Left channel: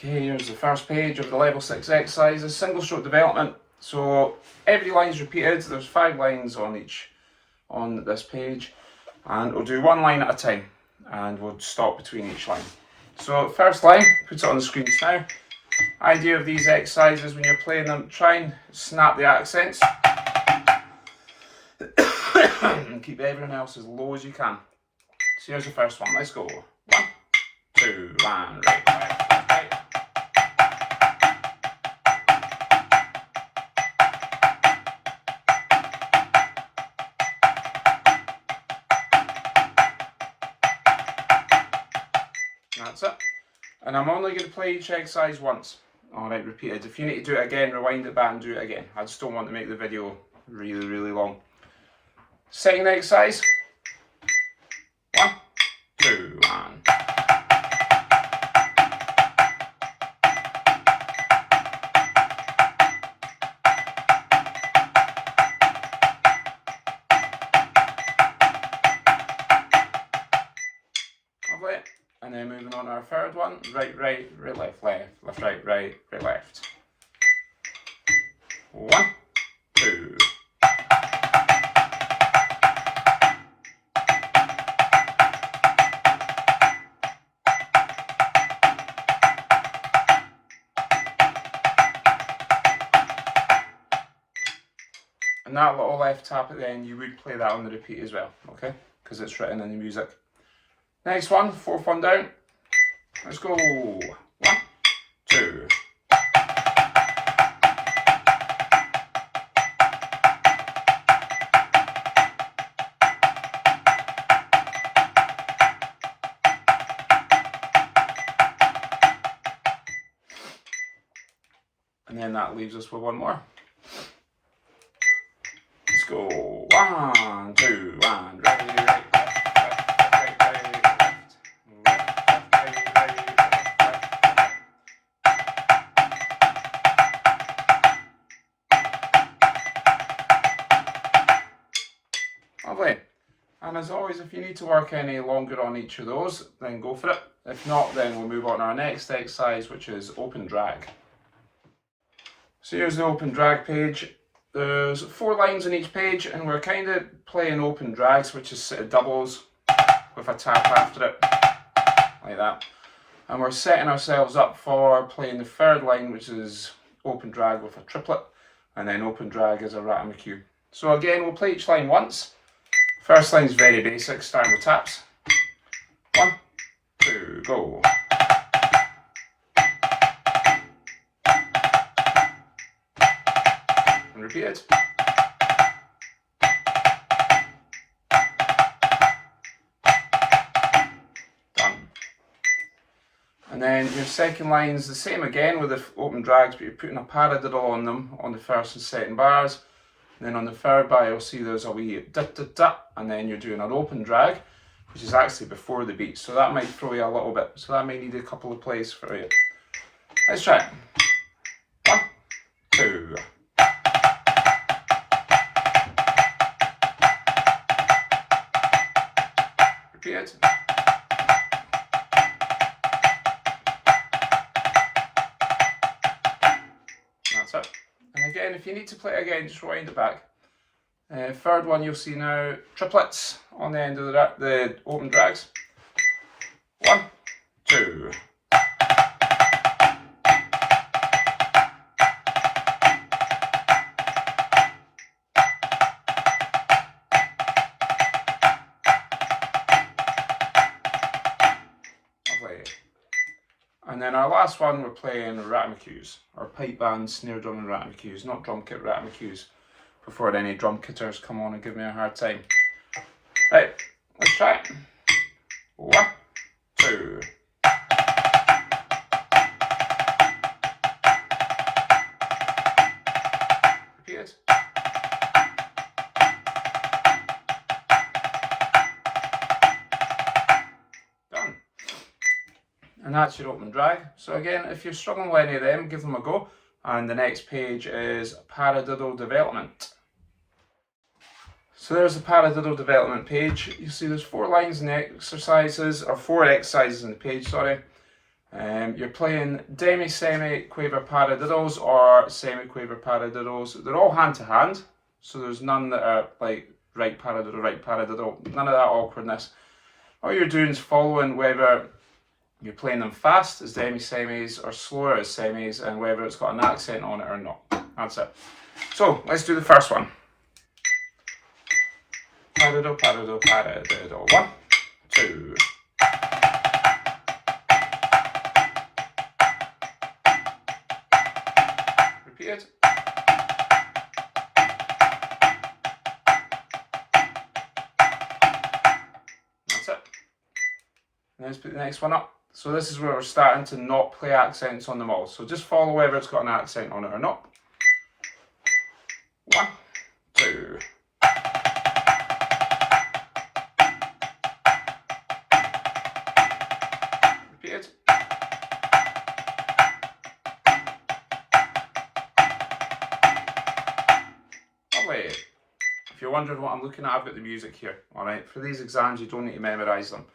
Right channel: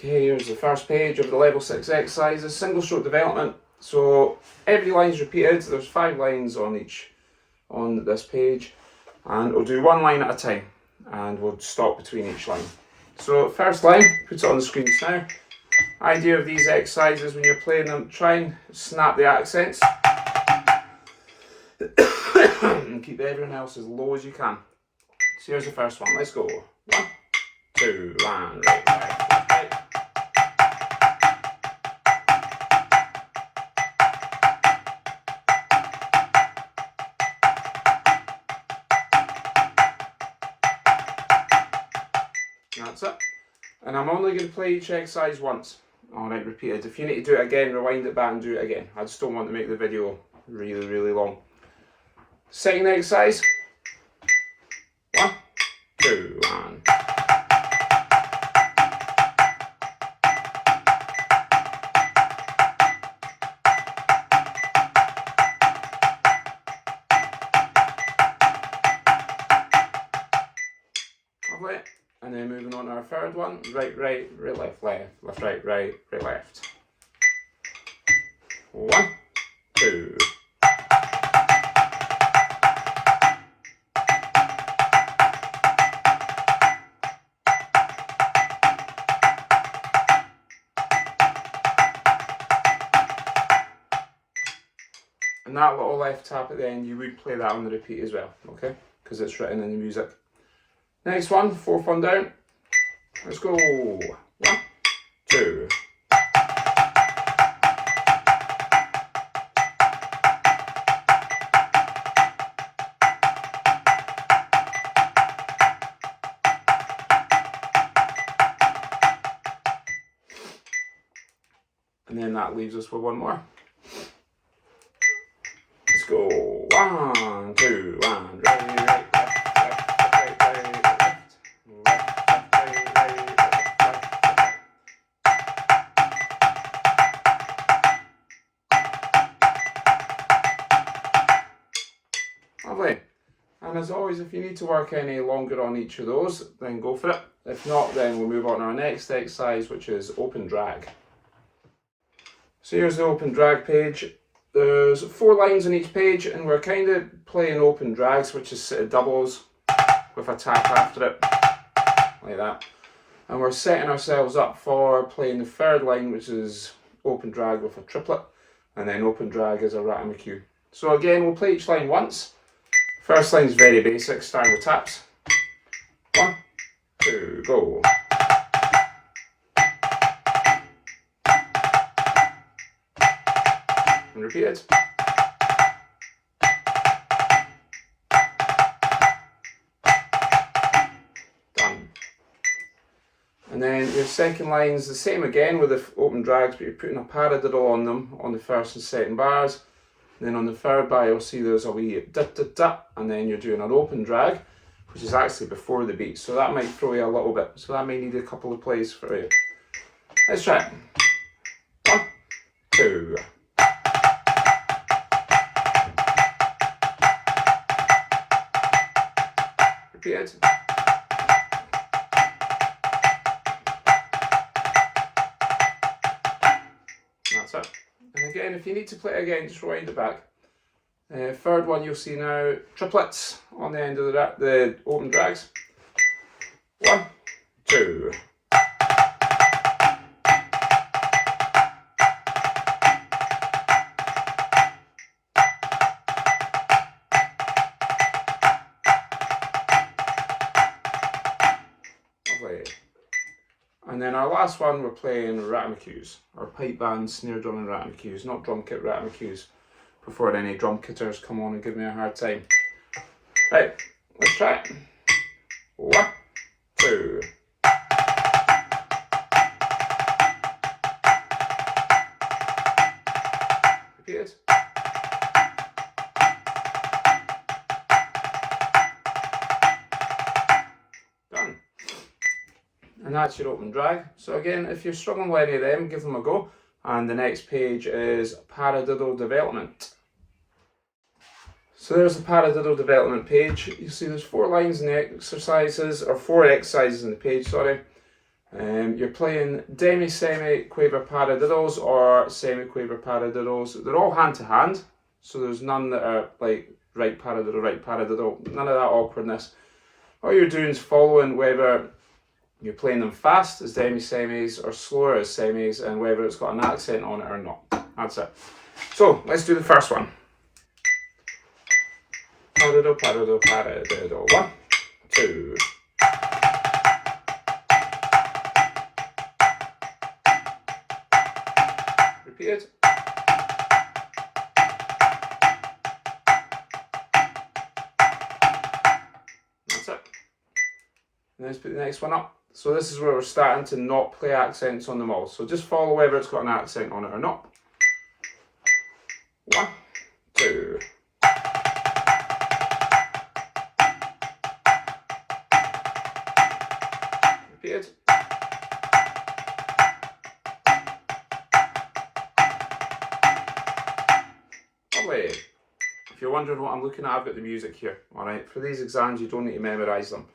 Okay, here's the first page of the level 6 exercises, single stroke development. So every line is repeated. There's 5 lines on this page, and we'll do one line at a time, and we'll stop between each line. So first line, put it on the screen now. Idea of these exercises when you're playing them, try and snap the accents and keep everyone else as low as you can. So here's the first one. Let's go. 1, 2, and right, left, left, right. That's it. And I'm only going to play each exercise once. Alright, repeated. If you need to do it again, rewind it back and do it again. I just don't want to make the video really, really long. Second exercise. 1, 2, and... Lovely. And then moving on to our third one. Right, right, right, left, left, left, right, right, right, left. 1, 2. And that little left tap at the end, you would play that on the repeat as well, okay? Because it's written in the music. Next one, 4th one down. Let's go. 1, 2. And then that leaves us with one more. Let's go. 1, 2, and right, right, left, left, right, right, left, left, left, right, right, left, left, left. Lovely. And as always, if you need to work any longer on each of those, then go for it. If not, then we'll move on to our next exercise, which is open drag. So here's the open drag page. There's 4 lines on each page, and we're kind of playing open drags, which is sort of doubles with a tap after it, like that. And we're setting ourselves up for playing the third line, which is open drag with a triplet, and then open drag as a ratamacue. So again, we'll play each line once. First line's very basic, starting with taps. 1, 2, go. And repeated. Done. And then your second line is the same again with the open drags, but you're putting a paradiddle on them on the first and second bars. And then on the third bar, you'll see there's a wee da da da, and then you're doing an open drag, which is actually before the beat. So that might throw you a little bit. So that may need a couple of plays for you. Let's try it. 1, 2. Repeated. That's it. And again, if you need to play it again, just rewind it back. Third one you'll see now, triplets on the end of the open drags. 1, 2. And then our last one, we're playing ratamacues, or pipe band, snare drum and ratamacues, not drum kit ratamacues, before any drum kitters come on and give me a hard time. Right, let's try it. 1, 2. Repeated. Done. And that's your open drag. So again, if you're struggling with any of them, give them a go. And the next page is Paradiddle Development. So there's the Paradiddle Development page. You see there's 4 lines in the exercises, or 4 exercises in the page, sorry. You're playing demi, semi, quaver paradiddles or semi quaver paradiddles. They're all hand to hand, so there's none that are like right paradiddle, none of that awkwardness. All you're doing is following whether you're playing them fast as demi semis or slower as semis, and whether it's got an accent on it or not. That's it. So let's do the first one. Paradiddle, paradiddle, paradiddle. 1, 2. Repeated. That's it. And let's put the next one up. So this is where we're starting to not play accents on them all. So just follow whether it's got an accent on it or not. 1, 2. Repeated. Lovely. If you're wondering what I'm looking at, I've got the music here. Alright, for these exams you don't need to memorise them.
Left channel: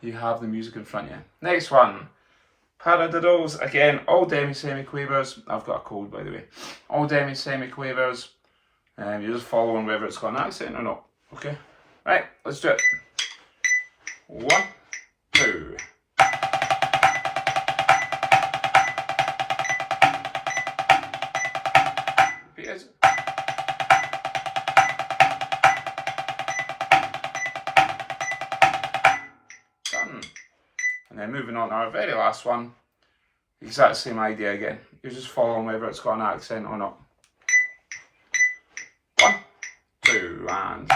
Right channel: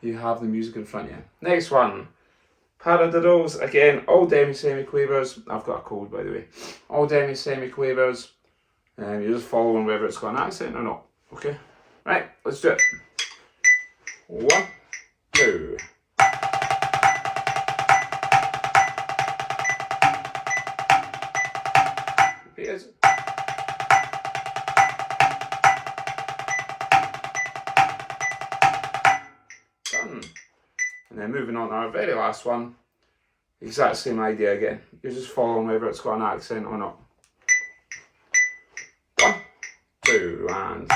You have the music in front of you. Next one. Paradiddles, again, all demi-semi-quavers. I've got a cold, by the way. All demi-semi-quavers. You're just following whether it's got an accent or not. Okay? Right, let's do it. 1, 2. Repeated. Done. And then moving on to our very last one. Exact same idea again. You're just following whether it's got an accent or not. 1, 2, and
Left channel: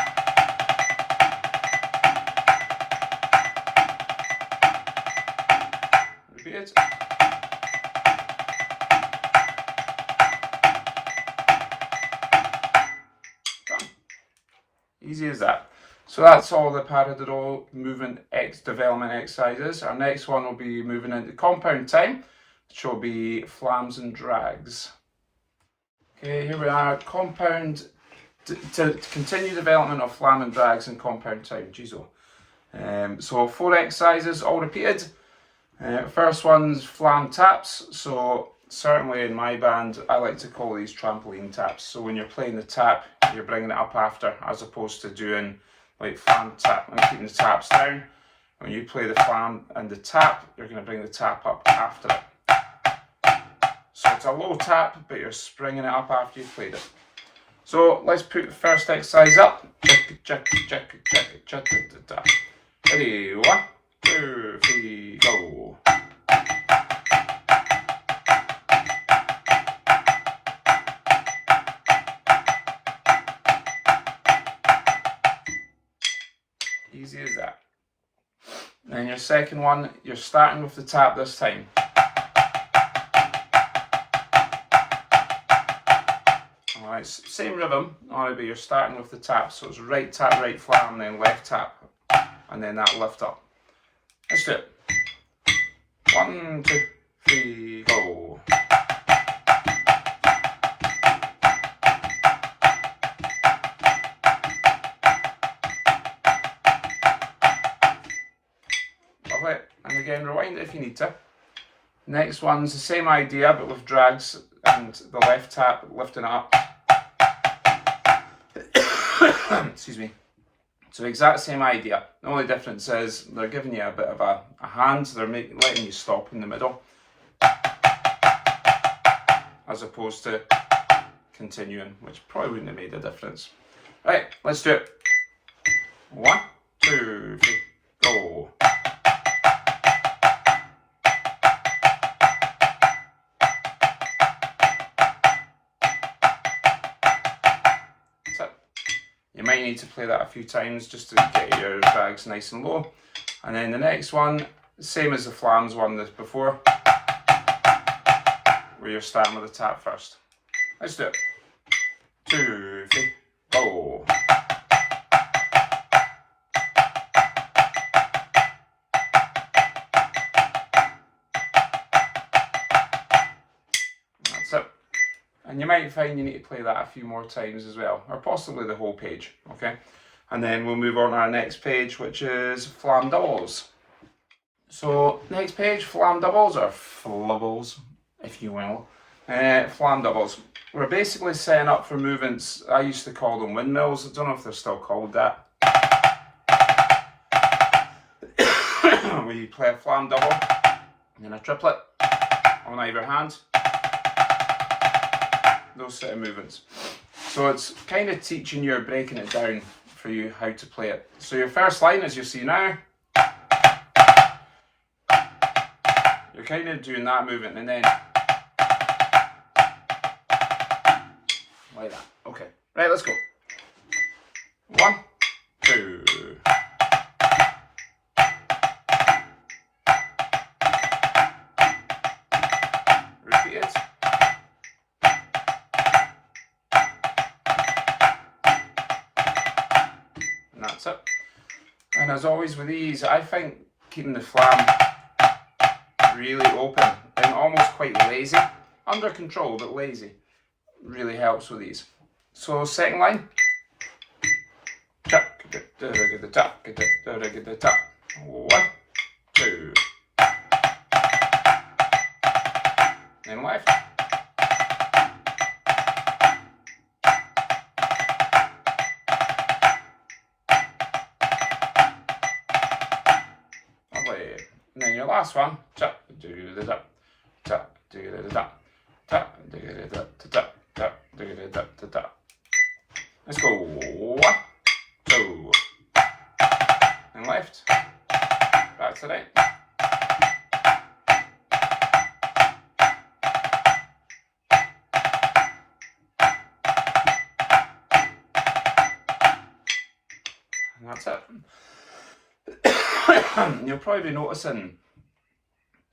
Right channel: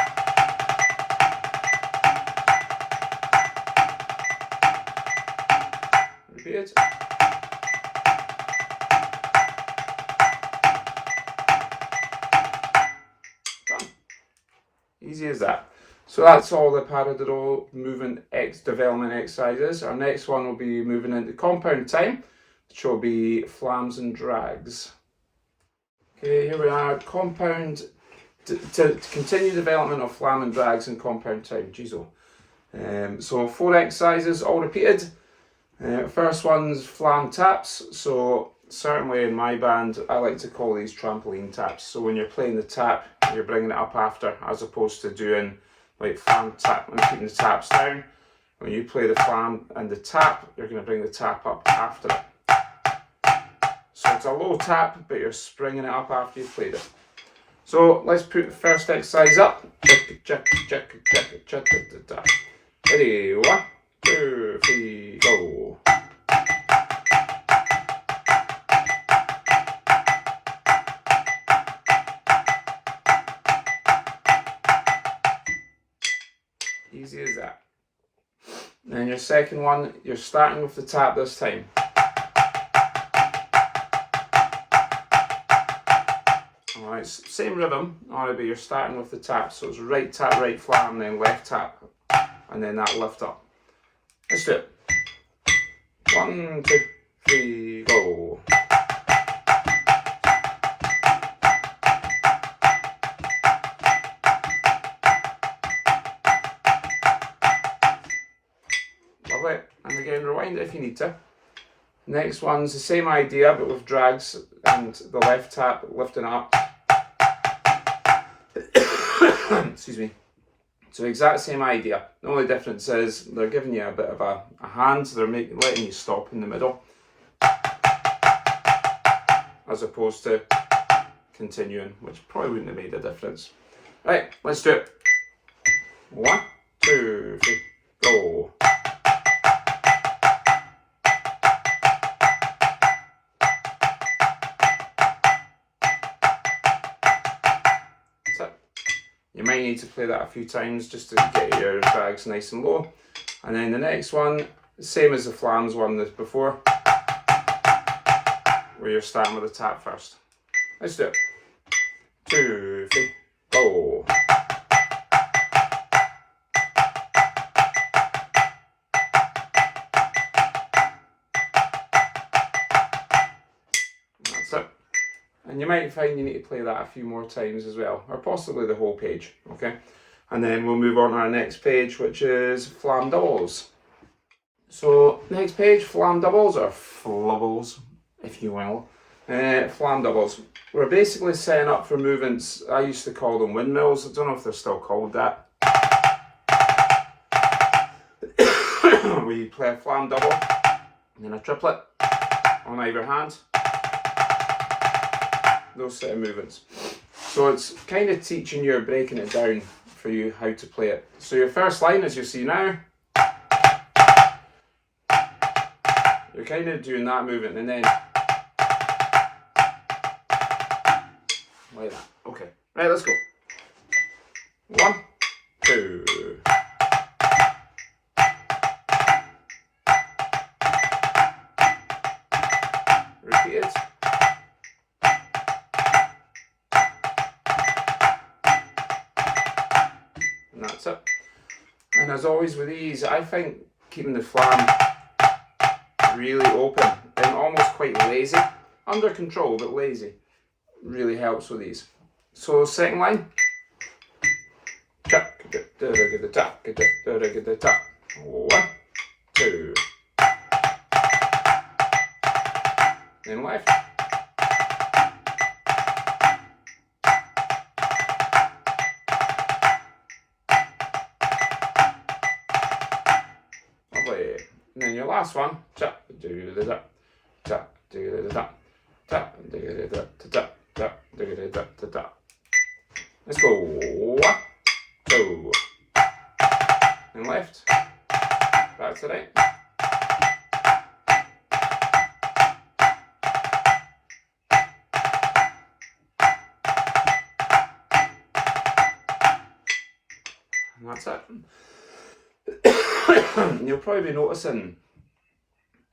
repeat. Done. Easy as that. So that's all the paradiddle movement development exercises. Our next one will be moving into compound time, which will be flams and drags. Okay, here we are, compound, to continue development of flam and drags in compound time, Jeezo. So 4 exercises, all repeated. First one's flam taps. So certainly in my band, I like to call these trampoline taps. So when you're playing the tap, you're bringing it up after, as opposed to doing like flam tap and keeping the taps down. When you play the flam and the tap, you're going to bring the tap up after it. So it's a low tap, but you're springing it up after you've played it. So let's put the first exercise up. Ready, 1, 2, 3, go. Easy as that. Then your second one, you're starting with the tap this time. Alright, same rhythm, alright, but you're starting with the tap. So it's right tap, right flam, then left tap, and then that lift up. Let's do it. 1, 2, 3, go. Lovely. And again, rewind it if you need to. Next one's the same idea, but with drags and the left tap lifting up. Excuse me. So exact same idea. The only difference is they're giving you a bit of a hand. They're letting you stop in the middle, as opposed to continuing, which probably wouldn't have made a difference. Right, let's do it. 1, 2, 3, go. You might need to play that a few times just to get your drags nice and low. And then the next one, same as the flams one that's before, where you're starting with the tap first. Let's do it. 2, 3, go. That's it. And you might find you need to play that a few more times as well, or possibly the whole page, okay? And then we'll move on to our next page, which is Flam Doubles. So next page, Flam Doubles, or Flubbles, if you will. Flam Doubles. We're basically setting up for movements. I used to call them windmills. I don't know if they're still called that. Where you play a Flam Double and then a triplet on either hand. Those set of movements. So it's kind of teaching you or breaking it down for you how to play it. So your first line, as you see now, you're kind of doing that movement and then like that. Okay, right, let's go. 1, 2. Repeat it. And that's it. And as always with these, I think keeping the flam really open and almost quite lazy, under control but lazy, really helps with these. So second line, 1, 2, then left, lovely. And then your last one, let's go. 1, 2, and left, back to right. And that's it. You'll probably be noticing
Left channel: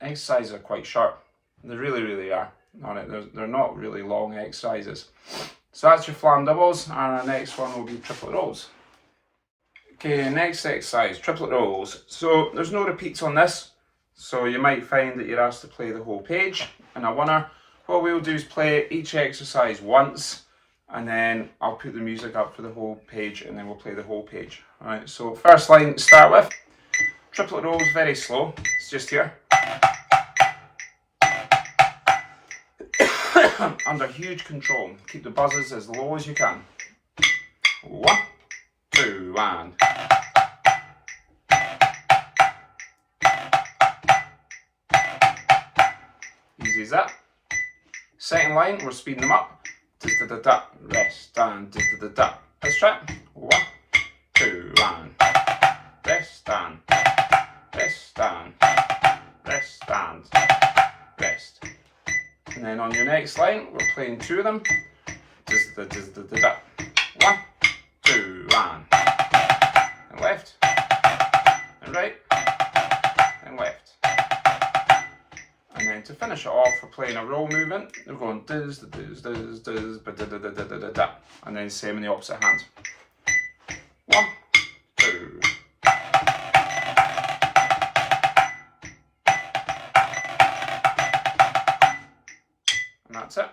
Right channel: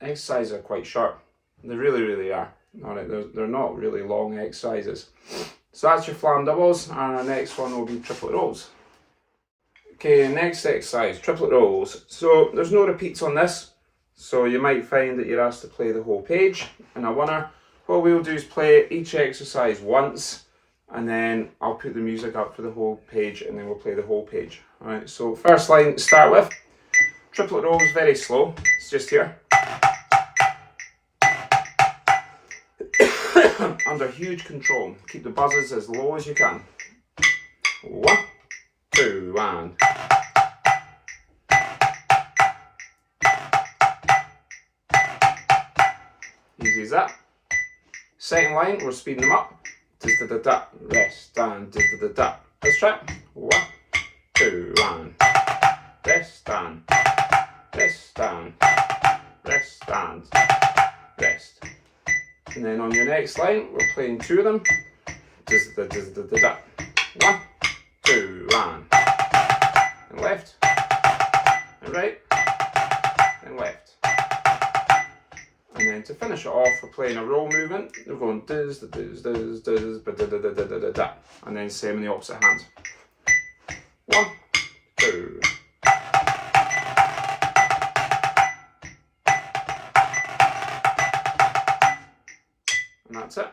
exercises are quite short. They really are. They're not really long exercises. So that's your Flam Doubles, and our next one will be Triplet Rolls. Okay, next exercise, Triplet Rolls. So there's no repeats on this, so you might find that you're asked to play the whole page. And a winner, what we'll do is play each exercise once, and then I'll put the music up for the whole page, and then we'll play the whole page. Alright, so first line to start with, Triplet Rolls, very slow, it's just here. Under huge control, keep the buzzes as low as you can. 1, 2, and easy as that. Second line, we're speeding them up. Da-da-da-da, rest, stand, da-da-da-da. Let's try it. 1, 2, and rest, stand, rest, stand, rest, stand, rest. And then on your next line, we're playing 2 of them. 1, 2, and left, and right, and left. And then to finish it off, we're playing a roll movement. We're going diz, diz, diz, diz, ba da da da da da da da. And then same in the opposite hand. 1, 2. And that's it.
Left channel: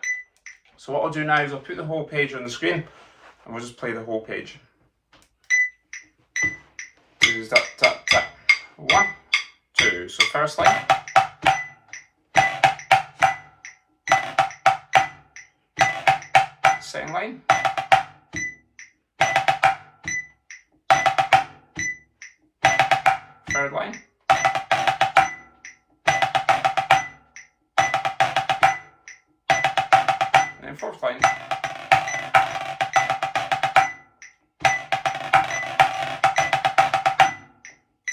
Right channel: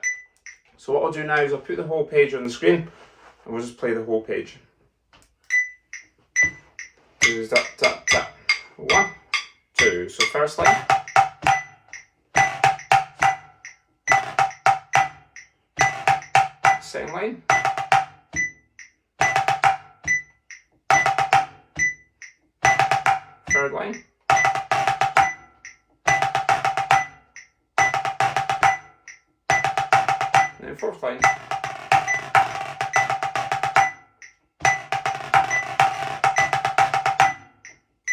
So what I'll do now is I'll put the whole page on the screen and we'll just play the whole page. 1, 2. So first line. Second line. Third line. And then fourth line.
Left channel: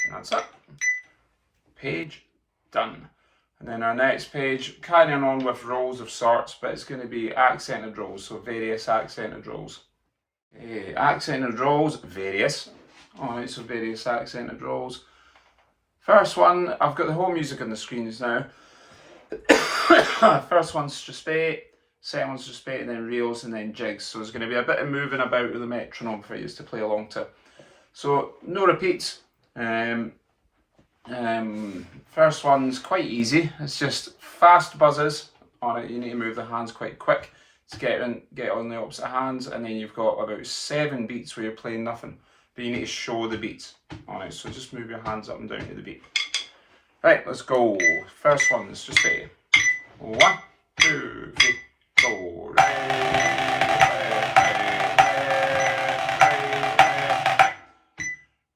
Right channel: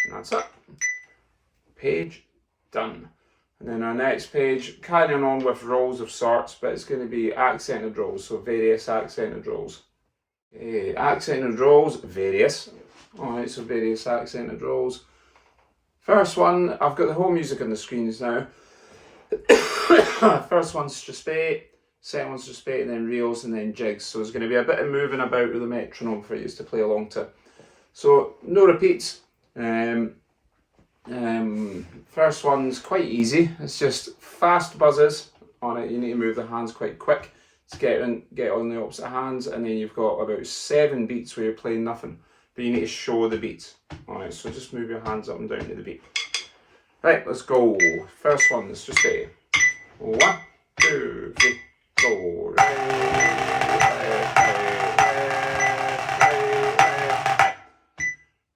And that's it. Page done. And then our next page, carrying on with rolls of sorts, but it's going to be accented rolls, so various accented rolls. Accented rolls, various. Alright, so various accented rolls. First one, I've got the whole music on the screens now. First one's strathspey, second one's strathspey, and then reels, and then jigs. So there's going to be a bit of moving about with the metronome for you to play along to. So no repeats. First one's quite easy. It's just fast buzzes on it. You need to move the hands quite quick to get on the opposite hands, and then you've got about 7 beats where you're playing nothing, but you need to show the beats on it. So just move your hands up and down to the beat. Right, let's go. First one, let's just say 1, 2, 3, go. Right, right, right, right, right, right.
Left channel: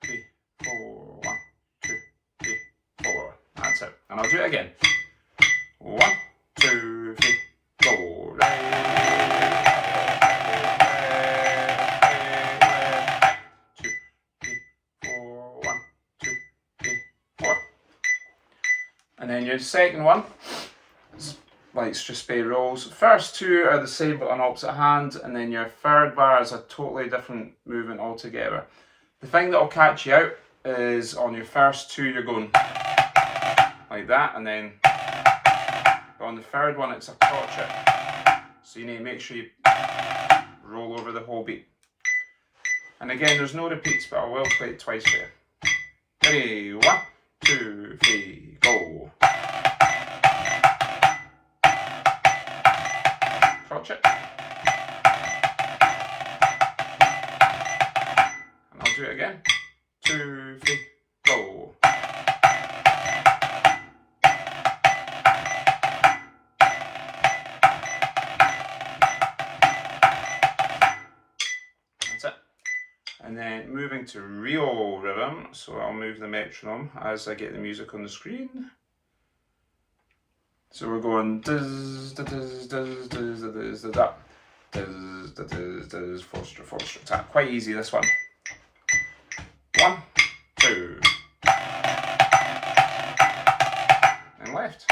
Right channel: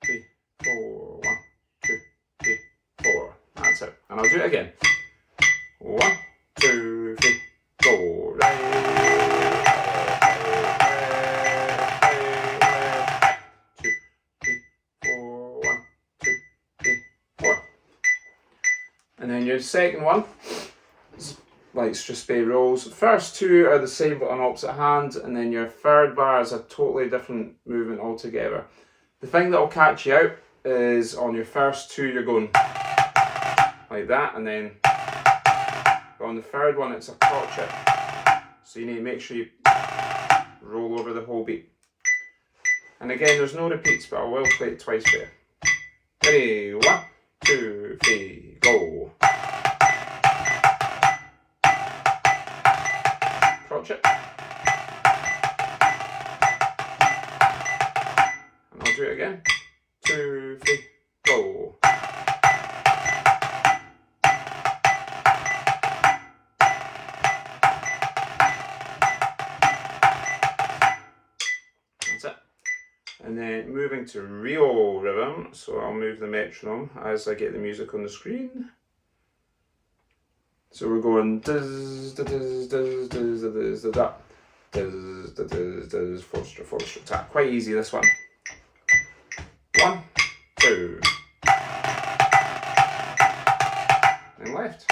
3, 4, 1, 2, 3, 4. That's it. And I'll do it again. 1, 2, 3, go. Right, right, right, 2, 3, 4, 1, 2, 3, 4. And then your second one, let's just be rolls. First two are the same but on opposite hand, and then your third bar is a totally different movement altogether. The thing that will catch you out is on your first two you're going like that, and then on the third one it's a crotchet. So you need to make sure you roll over the whole beat. And again, there's no repeats, but I will play it twice for you. Ready, 1, 2, 3, go. Crotchet. And I'll do it again. 2, 3, go. That's it. And then moving to real rhythm, so I'll move the metronome as I get the music on the screen. So we're going dizz, dizz, dizz, dizz, dizz, dizz, da, dizz, dizz, dizz, 4-stroke tap. Quite easy, this one. 1, 2, and left.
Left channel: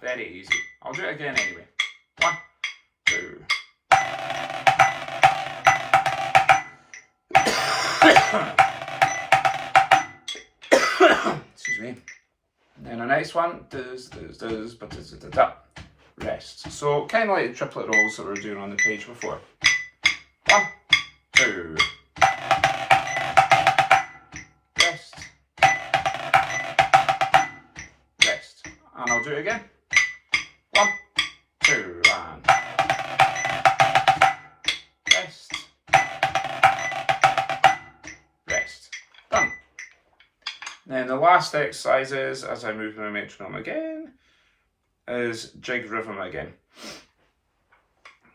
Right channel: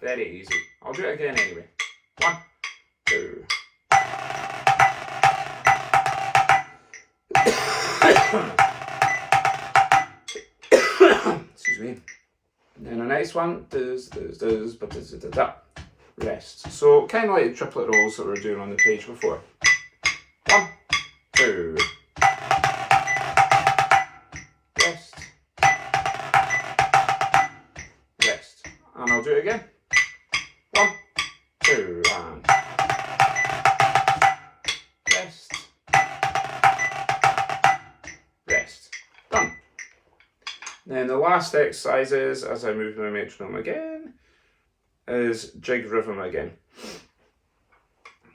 Very easy. I'll do it again anyway. 1, 2. Excuse me. And then our next one, does, but that rest. So kind of like the triplet rolls that we were doing on the page before. 1, 2, rest, rest, and I'll do it again. 1, 2, and rest, rest. Done. Then the last exercise is, as I move my metronome again, is jig rhythm again.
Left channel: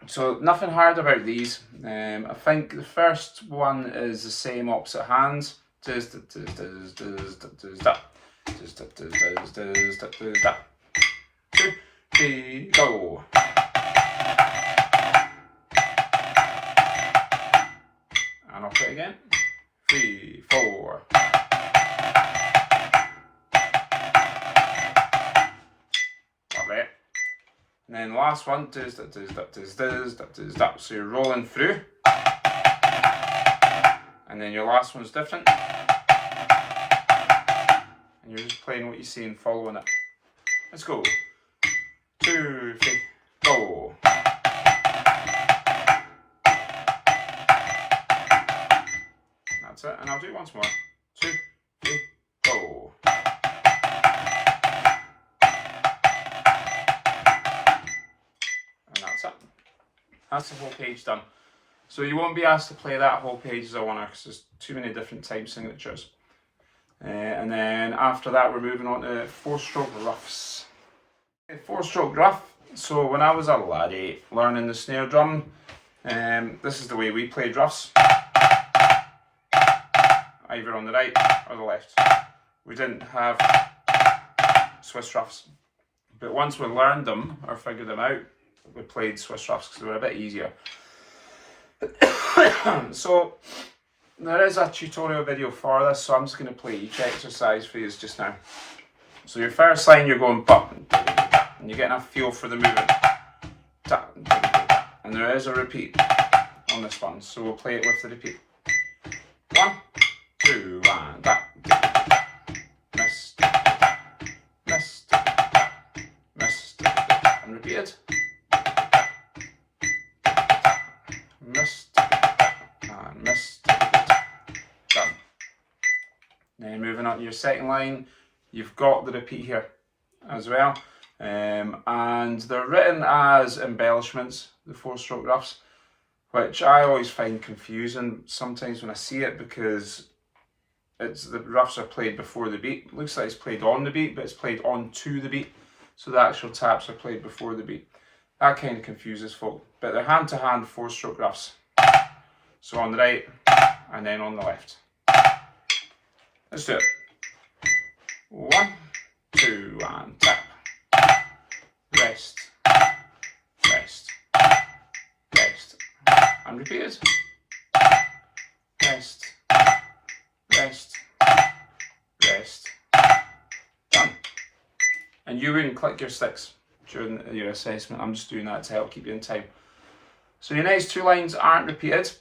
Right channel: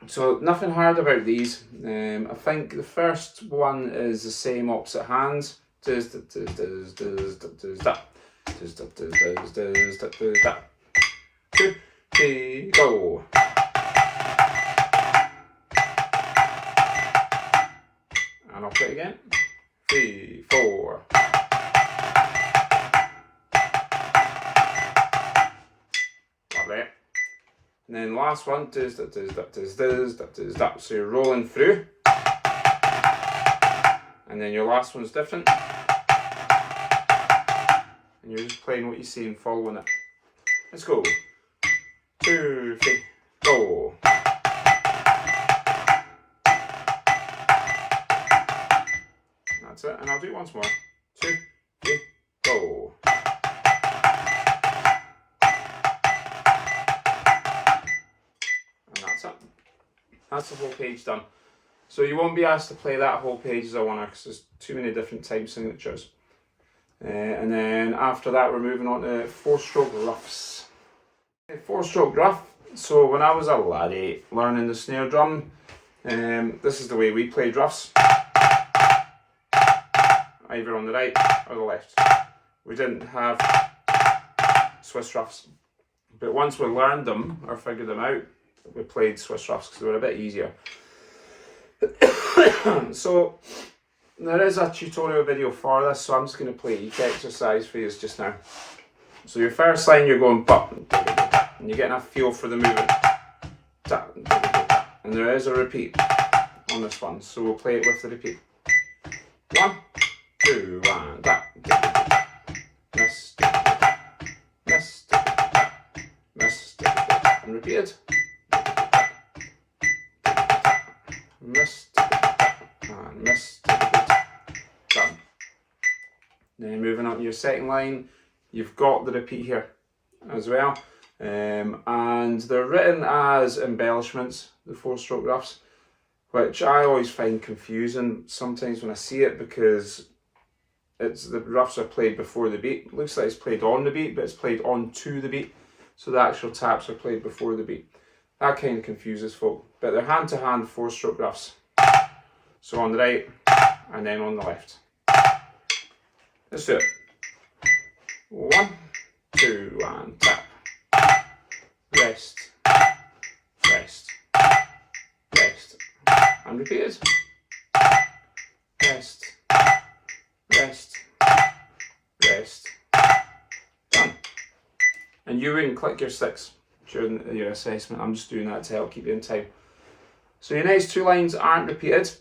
So nothing hard about these. I think the first one is the same opposite hands. Does does does does does does that. Does does does does does does that. 2, 3, go. And I'll play it again. 3, 4. Lovely. And then last one, does that, does that, does that. So you're rolling through. And then your last one's different. And you're just playing what you see and following it. Let's go. 2, 3, go. That's it. And I'll do it once more. 2, 3, go. That's the whole page done. So you won't be asked to play that whole page as a winner because there's too many different time signatures. And then after that we're moving on to 4-stroke Ruffs. 4-stroke Ruff. So when I was a laddie learning the snare drum, this is the way we played Ruffs. Either on the right or the left. We didn't have Swiss Ruffs. But once we learned them or figured them out, we played Swiss Ruffs because they were a bit easier. So there is a tutorial video for this, so I'm just going to play each exercise for you just now. So your first line you're going button, and you're getting a feel for the movement. And there is a repeat on this one, so we'll play it with the repeat. 1, 2, 1, that. Miss, miss, miss, and repeated. Missed and missed. Done. Then moving on to your second line, you've got the repeat here as well. And they're written as embellishments, the 4-stroke Ruffs, which I always find confusing sometimes when I see it because the Ruffs are played before the beat. It looks like it's played on the beat, but it's played onto the beat. So the actual taps are played before the beat. That kind of confuses folk. But they're hand-to-hand 4-stroke Ruffs. So on the right, and then on the left. Let's do it. 1, 2, and tap. Rest, rest, rest. And repeat it. Rest, rest, rest. Done. And you wouldn't click your sticks during your assessment. I'm just doing that to help keep you in time. So your next 2 lines aren't repeated,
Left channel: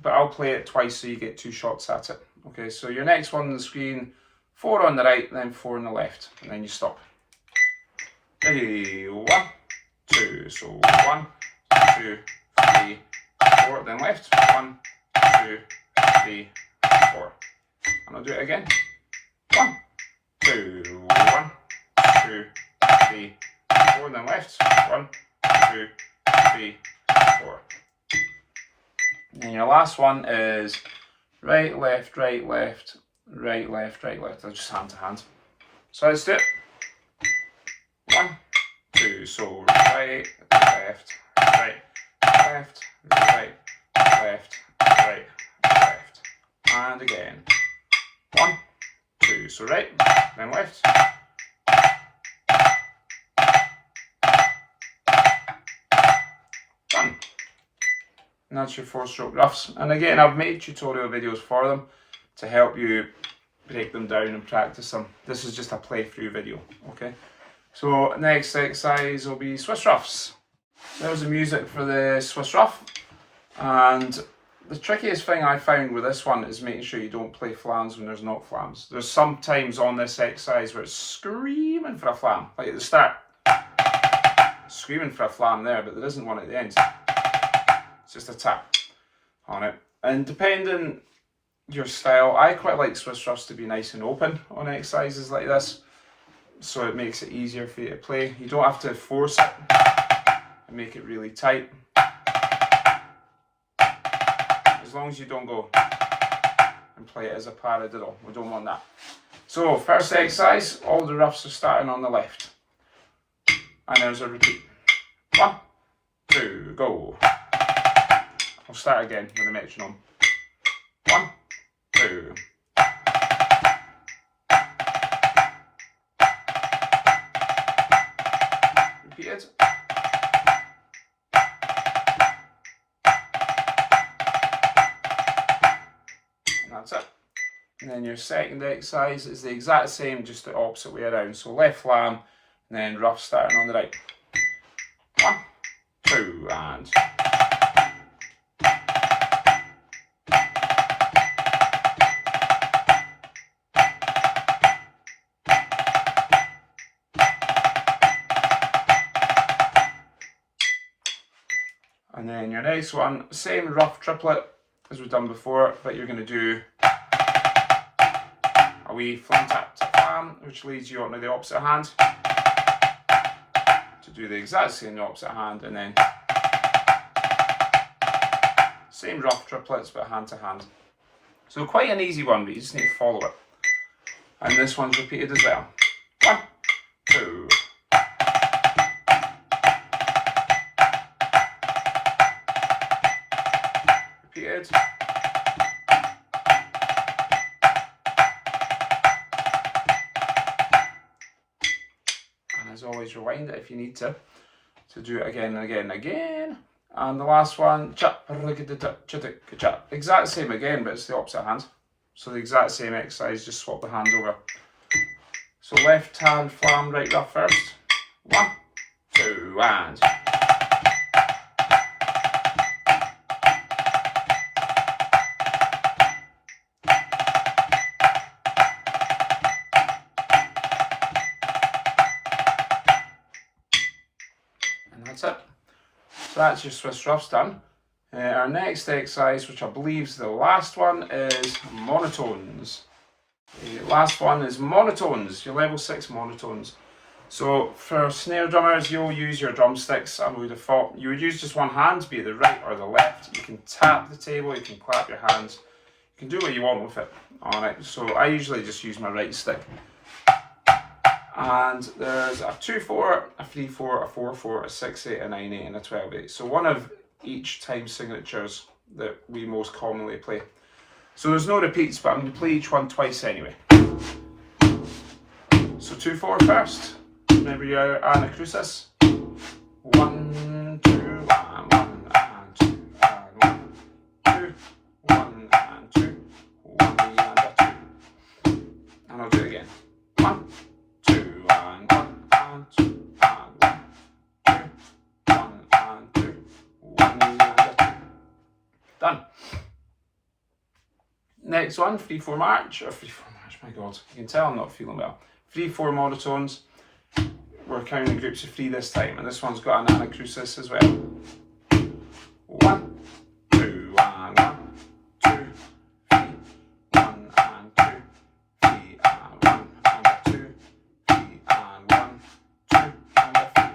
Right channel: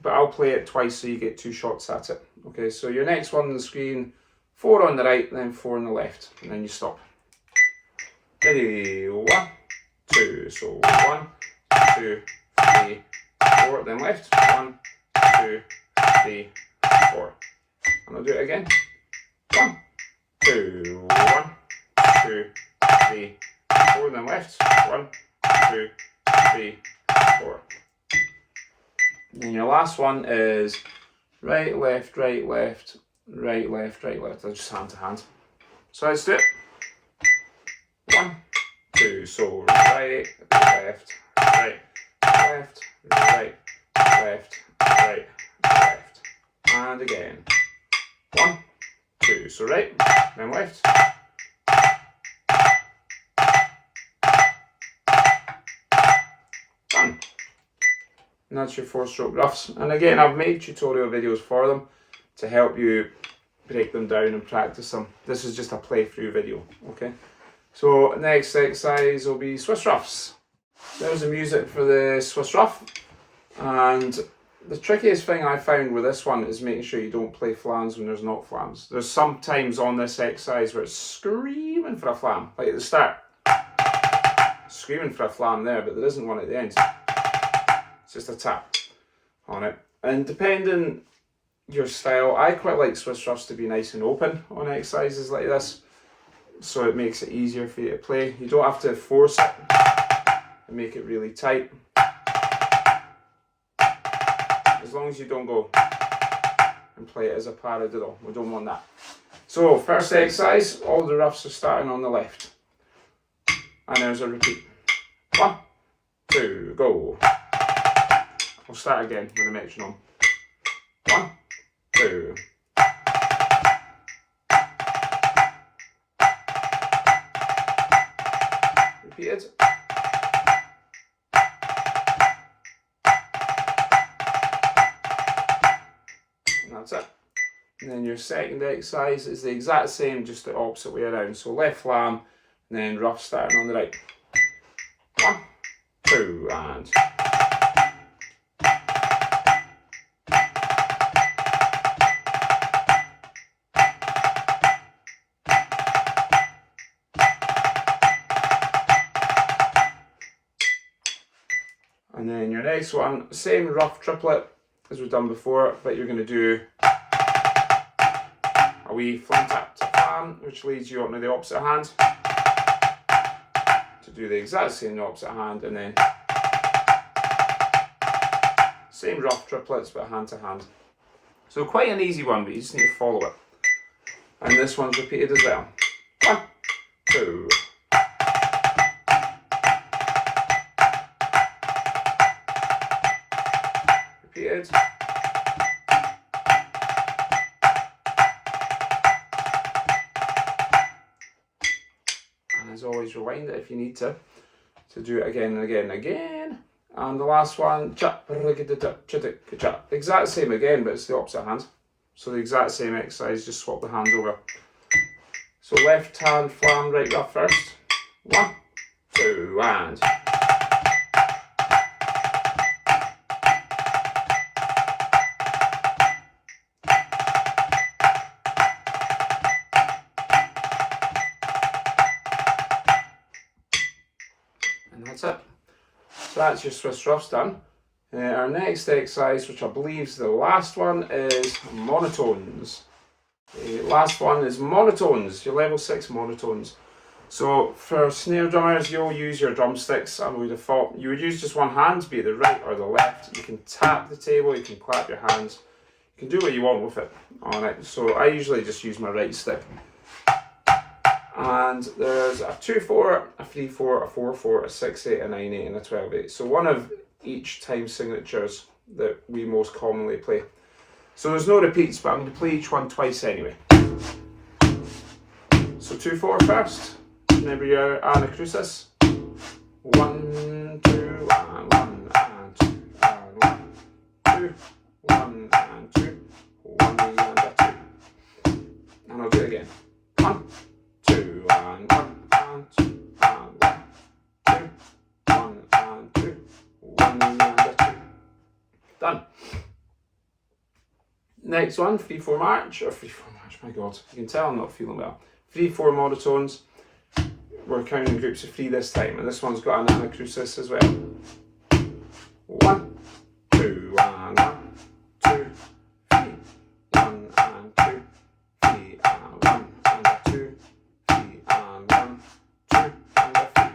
but I'll play it twice so you get 2 shots at it. Okay, so your next one on the screen, 4 on the right, then 4 on the left, and then you stop. Ready, 1, 2, so 1, 2, 3, 4, then left, 1, 2, 3, 4. And I'll do it again. 1, 2, 1, 2, 3, 4, then left, 1, 2, 3, 4. And your last one is right, left, right, left, right, left, right, left. They're just hand to hand. So let's do it. 1, 2, so right, left, right, left, right, left, right, left. And again. 1, 2, so right, then left. Done. And that's your 4-stroke Ruffs. And again, I've made tutorial videos for them to help you break them down and practice them. This is just a playthrough video, okay? So next exercise will be Swiss Ruffs. So there's the music for the Swiss Ruff. And the trickiest thing I found with this one is making sure you don't play flams when there's not flams. There's some times on this exercise where it's screaming for a flam, like at the start. Screaming for a flam there, but there isn't one at the end. It's just a tap on it. And depending your style, I quite like Swiss Ruffs to be nice and open on exercises like this, so it makes it easier for you to play. You don't have to force it and make it really tight. As long as you don't go and play it as a paradiddle, we don't want that. So first exercise, all the Ruffs are starting on the left. And there's a repeat. 1, 2, go. I'll start again with a metronome. 1, 2. Repeated. And that's it. And then your second exercise is the exact same, just the opposite way around. So left flam, and then Ruff starting on the right. 1, 2, and. And then your next one, same Ruff triplet as we've done before, but you're going to do a wee flam tap to flam, which leads you onto the opposite hand to do the exact same opposite hand, and then same Ruff triplets but hand to hand. So quite an easy one, but you just need to follow it. And this one's repeated as well. 1, 2. Repeated. And as always, rewind it if you need to do it again and again and again. And the last one, exact same again, but it's the opposite hand. So the exact same exercise, just swap the hands over. So left hand flam, right Ruff first. 1, 2, and. And that's it. So that's your Swiss Ruffs done. Our next exercise, which I believe is the last one, is Monotones. The last one is Monotones, your level 6 Monotones. So for snare drummers, you'll use your drumsticks. I would have thought you would use just one hand, be it the right or the left. You can tap the table, you can clap your hands. You can do what you want with it. Alright, so I usually just use my right stick. And there's a 2-4, a 3-4, a 4-4, a 6-8, a 9-8, and a 12-8. So one of each time signatures that we most commonly play. So there's no repeats, but I'm going to play each one twice anyway. So 2-4 first. Remember your anacrusis. 1, 2, and 1, and 2, and 1, 2, 1, and 2, 1, and a 2. And I'll do it again. 1, 2, and 1, and 2, and 1, 2, 1, and 2, 1, and a 2. Done. Next one, 3-4 march, or 3-4 march, my god, you can tell I'm not feeling well. 3-4 monotones. We're counting groups of 3 this time, and this one's got an anacrusis as well. 1, 2, and 1, 2, 3, 1, and 2, 3, and 1, and a 2, 3, and 1, 2, and a 3.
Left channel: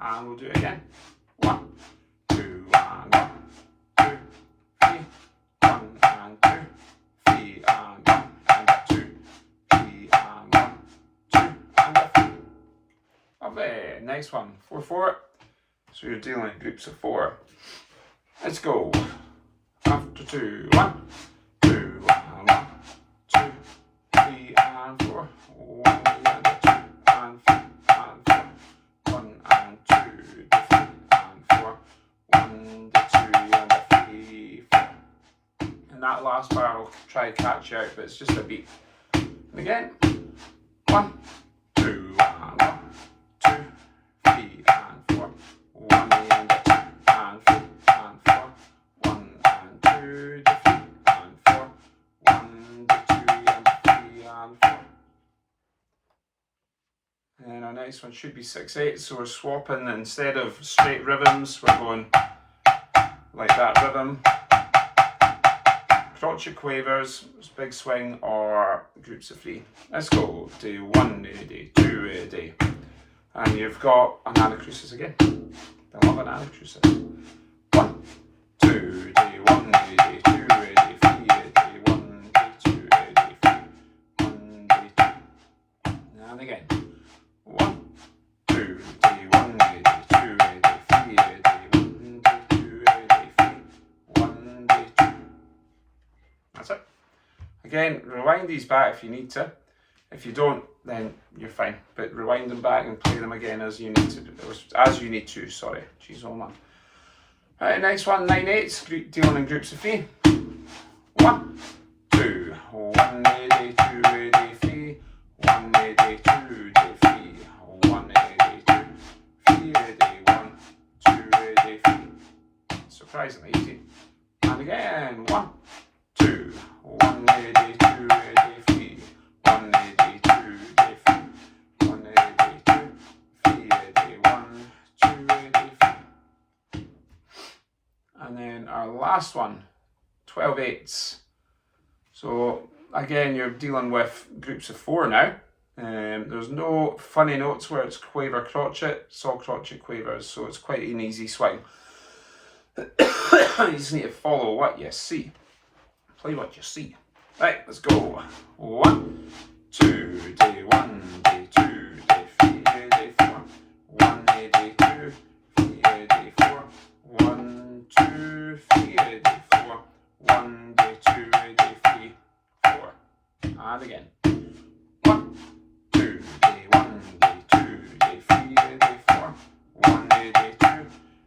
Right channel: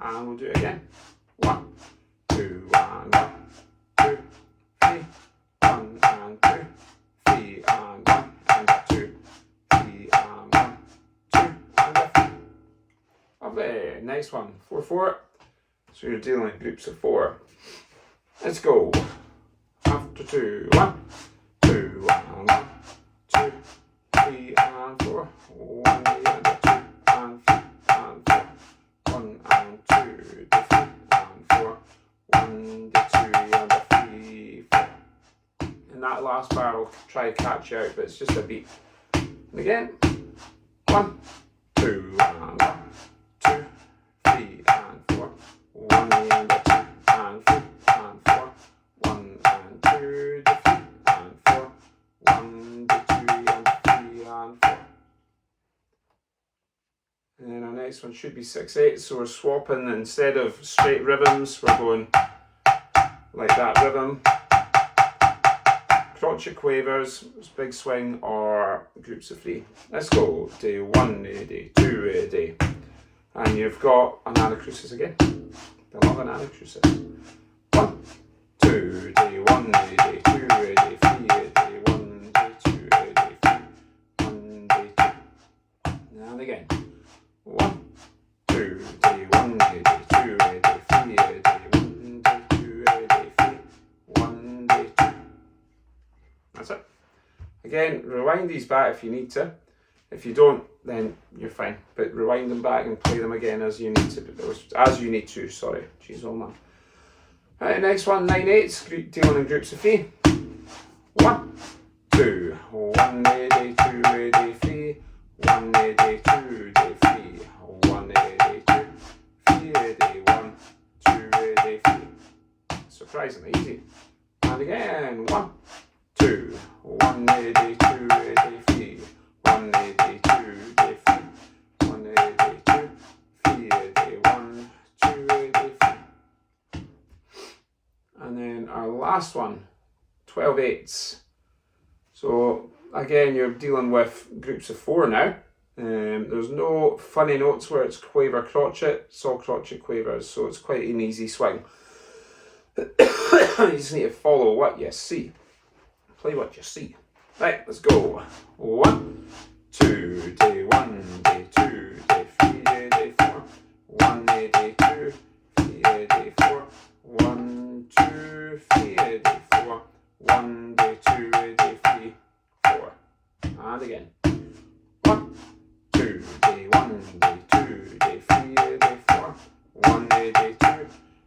And we'll do it again. 1, 2, and 1, 2, 3, 1, and 2, 3, and 1, and a 2, 3, and 1, 2, and a 3. Lovely. Nice one. 4-4. So you're dealing in groups of 4. Let's go. After 2, 1, 2, and 1, 2, 3, and 4. 1, and a 2, and 3, and 4. 1, and 2, the 3, and 4. 1, the 2, and a 3, 4. And that last bar I'll try to catch you out, but it's just a beat. And again. 1, 2, and 1, 2, 3, and 4. 1, and a 2, and 3, and 4. 1, and 2, the 3, and 4. 1, the 2, and the 3, and 4. And then our next one should be 6-8, so we're swapping, instead of straight rhythms, we're going like that rhythm. Crotchet quavers, big swing, or groups of 3. Let's go. Do 1 a day, 2 a day. And you've got an anacrusis again. I love an anacrusis. 1, 2 day, 1 a day, 2 a day, 3 a day, 1 day, 2 a day, 3, 1 day, 2. And again. 1, 2 day, 1 a day, 2 a day, 3 a day, 1 day, 2 a day, 3, 1 day, 2. That's it. Again, rewind these back if you need to. If you don't, then you're fine. But rewind them back and play them again as you need to. Sorry. Jeez, oh man. Right, next one, 9-8s, dealing in groups of 3. 1, 2, 1 a day, 2 a day, 3, 1 a day, 2 day, 3, 1 a day, 2, 3 a day, 1, 2 a day, 3. Surprisingly easy. And again, 1, 2, 1 a day, 2 a day, 3, 1 a day, 2 day, 3, 1 a day, 2, 3 a day, 1, 2 a day, 3. And then our last one, 12-8s. So again, you're dealing with groups of 4 now. There's no funny notes where it's quaver crotchet, it's all crotchet quavers, so it's quite an easy swing. You just need to follow what you see. Play what you see. Right, let's go. 1, 2, day 1, day 2, day 3, day 4. 1 a day 2, 3 a day 4. 1, 2, 3 a day 4. 1 day 2 a day 3, 4. And again. 1, 2, day 1, day 2, day 3 a day 4. 1 a day 2,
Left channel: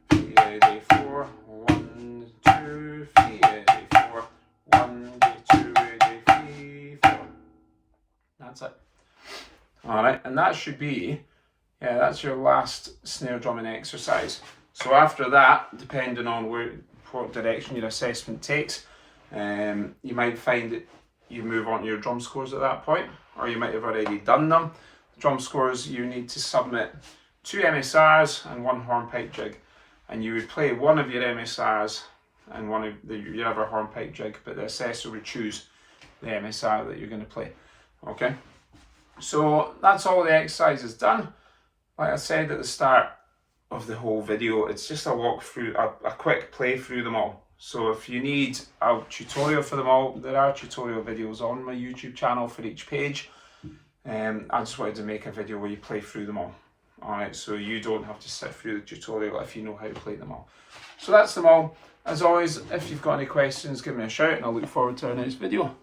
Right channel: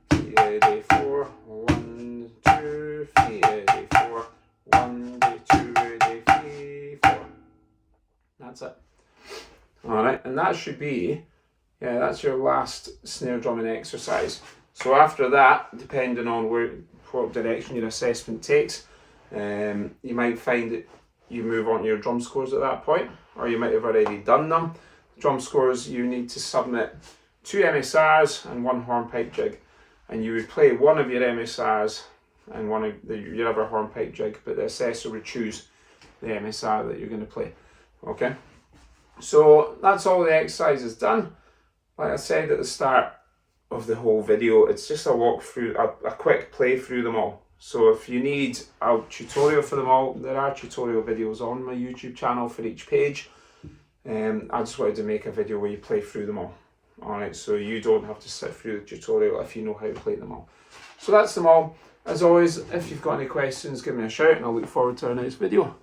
3 a day 4. 1, 2, 3 a day 4. 1 day 2 a day 3, 4. That's it. Alright, and that should be, that's your last snare drumming exercise. So after that, depending on what direction your assessment takes, you might find that you move on to your drum scores at that point, or you might have already done them. Drum scores, you need to submit 2 MSRs and 1 hornpipe jig, and you would play one of your MSRs and one of your other hornpipe jig, but the assessor would choose the MSR that you're going to play. Okay, so that's all the exercises done. Like I said at the start of the whole video, it's just a walk through, a quick play through them all. So if you need a tutorial for them all, there are tutorial videos on my YouTube channel for each page. I just wanted to make a video where you play through them all. Alright, so you don't have to sit through the tutorial if you know how to play them all. So that's them all. As always, if you've got any questions, give me a shout and I'll look forward to our next video.